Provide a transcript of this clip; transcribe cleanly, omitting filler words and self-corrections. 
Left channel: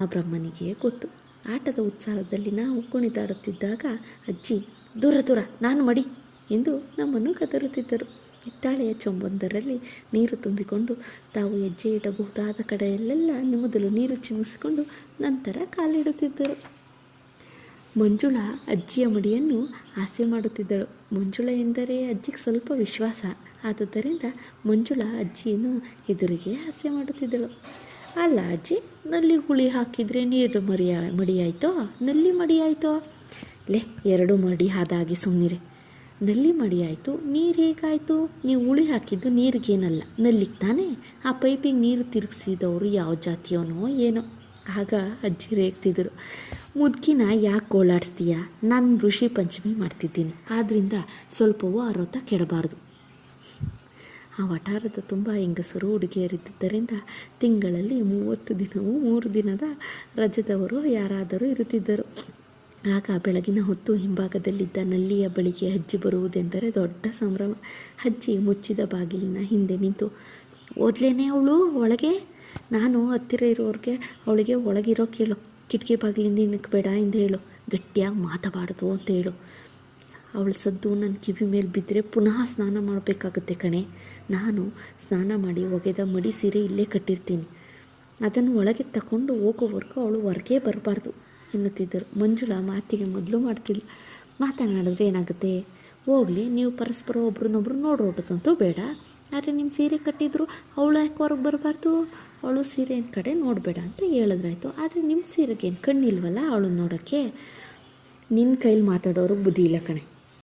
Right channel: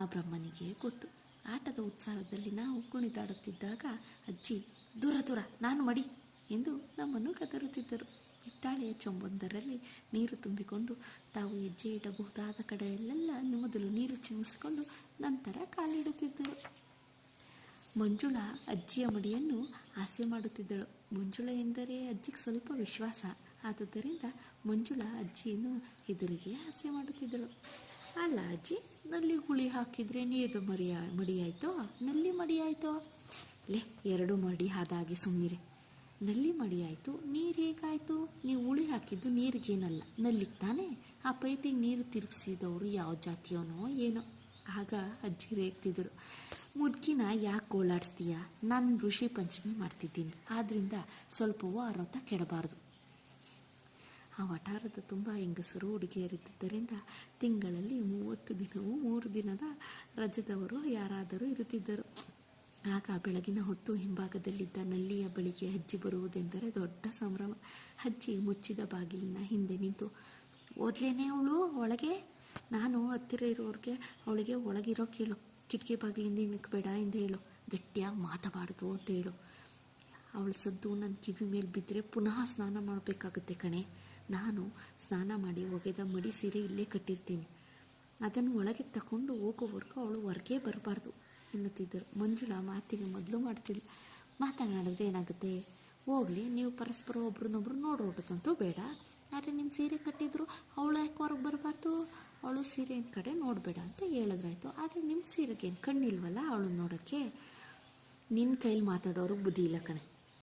ಆ ಬ್ರಹ್ಮನಿಗೆ ಗೊತ್ತು. ಆಟದ ಉತ್ಸಾಹದಲ್ಲಿ ನಾವು ಕುಣಿದಾಡುತ್ತಿದ್ದಾಗ ಅಜ್ಜಿ ದೂರ ದೂರ ನಾನು ಮಡಿ ಎಂದು ನಮ್ಮನ್ನು ಕದರುತ್ತಿದ್ದರು. ಹಿತ್ತಾಳೆಯ ಚೊಂಬೊಂದರಲ್ಲಿ ನೀರು ತುಂಬಿಕೊಂಡು ತಾವು ಹೆಜ್ಜೆ ಇಡಬಹುದಾದ ಕಡೆಯಲ್ಲೆಲ್ಲ ಮೊದಲು ನೀರು ಚಿಮ್ಮಿಸಿಕೊಂಡು ನಂತರ ಕಾಲಿಡುತ್ತಿದ್ದರು. ಮಂಜುಳಾ ಅಜ್ಜಿಯ ಮಡಿಯನ್ನು ಹಾಸ್ಯ ಮಾಡುತ್ತಿದ್ದಳು. ಮಂಜುಳಾ ಎಂದರೆ ಅಜ್ಜಿಗೆ ಸ್ವಲ್ಪ ವಿಶ್ವಾಸ. ಆದುದರಿಂದ ಮಂಜುಳಾ ಅಜ್ಜಿಯನ್ನು ಎದುರಿಗೆ ಹಾಸ್ಯ ಮಾಡುತ್ತಿದ್ದಳು. ಅಲ್ಲ ಅಜ್ಜಿ, ನಲ್ಲಿ ಹುಳಿ ಹಾಕಿದರೆ ನೀರು ಮಡಿಯಾಯ್ತೋ ನಲ್ಲಿ ಮಡಿಯಾಯ್ತೋ? ಲೇ, ಎರಡು ಮಡಿ ಆದಾಗೆ ಸುಮ್ಮನಿರೆ. ನಲ್ಲಿ ಮಡಿಯಾಯಿತು, ನೀರು ಹೇಗಾಯಿತು? ನೀವು ಹುಳಿ ಹಾಕಿದ್ದು ನೀರಿಗೇನಲ್ಲ, ನಲ್ಲಿಗೆ ತಾನೇ. ಆ ಪೈಪಿಗೆ ನೀರು ತಿರುಗಿಸಿದವರು ಯಾವ ಜಾತಿಯವನೋ ಏನೋ. ಆಗ ಅಜ್ಜಿ ರೇಗ್ತಿದ್ರು. ಮುದ್ಕಿನ ಯಾಕೆ ಗೋಳಾಡಿಸ್ತೀಯ? ನಾನು ಋಷಿ ಪಂಚಮಿ ಮಾಡ್ತಿದ್ದೀನಿ, ಆದ್ದರಿಂದ ಸ್ವಲ್ಪವೂ ಆರೋತ ಕೆಡಬಾರ್ದು. ಆ ವಠಾರದ ತುಂಬ ಹೆಂಗಸರು ಹುಡುಗಿಯರಿದ್ದರಿಂದ ತಿಂಗಳಲ್ಲಿ 30 ದಿನವೂ 3 ದಿನದ ರಜದವರು ಯಾರಾದರೂ ಇರುತ್ತಿದ್ದರು. ಆಗ ಬೆಳಗಿನ ಹೊತ್ತು ಹಿಂಭಾಗದಲ್ಲಿದ್ದ ನಲ್ಲಿಯ ಬಳಿಗೆ ಅಜ್ಜಿ ಬರುವುದೆಂದರೆ ದೊಡ್ಡ ಸಂಭ್ರಮ. ಅಜ್ಜಿ ಮುಚ್ಚಿದ ಬಾಗಿಲಿನ ಹಿಂದೆ ನಿಂತು, ಓದ್ಲೇನೆ ಅವಳು ಒಳಗೆ? ನಾನು ಹತ್ತಿರ ಇರೋರಿಗೆ ಅವಳಿಗೆ ಒಳಗಿರೋ ಕೇಳು, ಕಿಟಕಿ ಬಾಗಿಲಿಂದ ಇಣಕಬೇಡ ಎಂದು ಹೇಳು, ಗಟ್ಟಿಯಾಗಿ ಮಾತಬಾರ್ದು ಅಂತ ಹೇಳು. ಅವಳ ಸದ್ದು ನನ್ನ ಕಿವಿ ಮೇಲೆ ಬಿದ್ದರೆ ಪುನಃ ಸ್ನಾನ ಮಾಡಬೇಕಾಗುತ್ತೆ ಕಣೆ. ನಾನು ಸ್ನಾನ ಮಾಡಿ ಒಗೆದ ಮಡಿ ಸೀರೆ ಇಲ್ಲೇ ಕಟ್ಟಿರ್ತೀನಿ, ಅದನ್ನು ಒಳಗೆ ತಗೊಂಡು ಹೋಗೋವರೆಗೂ ಅವಳು ಹೊರಗೆ ಬರಬಾರ್ದು ಎನ್ನುತ್ತಿದ್ದರು. ಮಂಜುಳಾ ಮಾತಿಗೆ ಮೊದಲು ಮಾಡ್ತಿದ್ಲು. ಮಾತನಾಡಿದ್ರೆ ಏನಾಗುತ್ತೆ? ಹೋಗಲಿ, ನೀವು ಪರಸ್ಪರ ಒಬ್ರನ್ನೊಬ್ರು ನೋಡೋಟದಂತೂ ಬೇಡ. ಆದರೆ ನಿಮ್ಮ ಸೀರೆ ಕಟ್ಟಿದ್ರು ಅವಳು ಯಾಕೆ ಹೊರಗೆ ಬರಬಾರ್ದು? ಅವಳು ಸೀರೆ ಕಡೆ ನೋಡಬೇಡ ಅಂತ ಹೇಳಿದ್ರಾಯ್ತು. ಆದರೆ ನಿಮ್ಮ ಸೀರೆಗೇನು ಕಣ್ಣಿಲ್ವಲ್ಲ ಅವಳು ನೋಡೋಕ್ಕೆ? ನಿನ್ನ ಕೈಲಿ ಮಾತಾಡೋರು ಬುದ್ಧಿ ಇಲ್ಲ ಕಣೆ.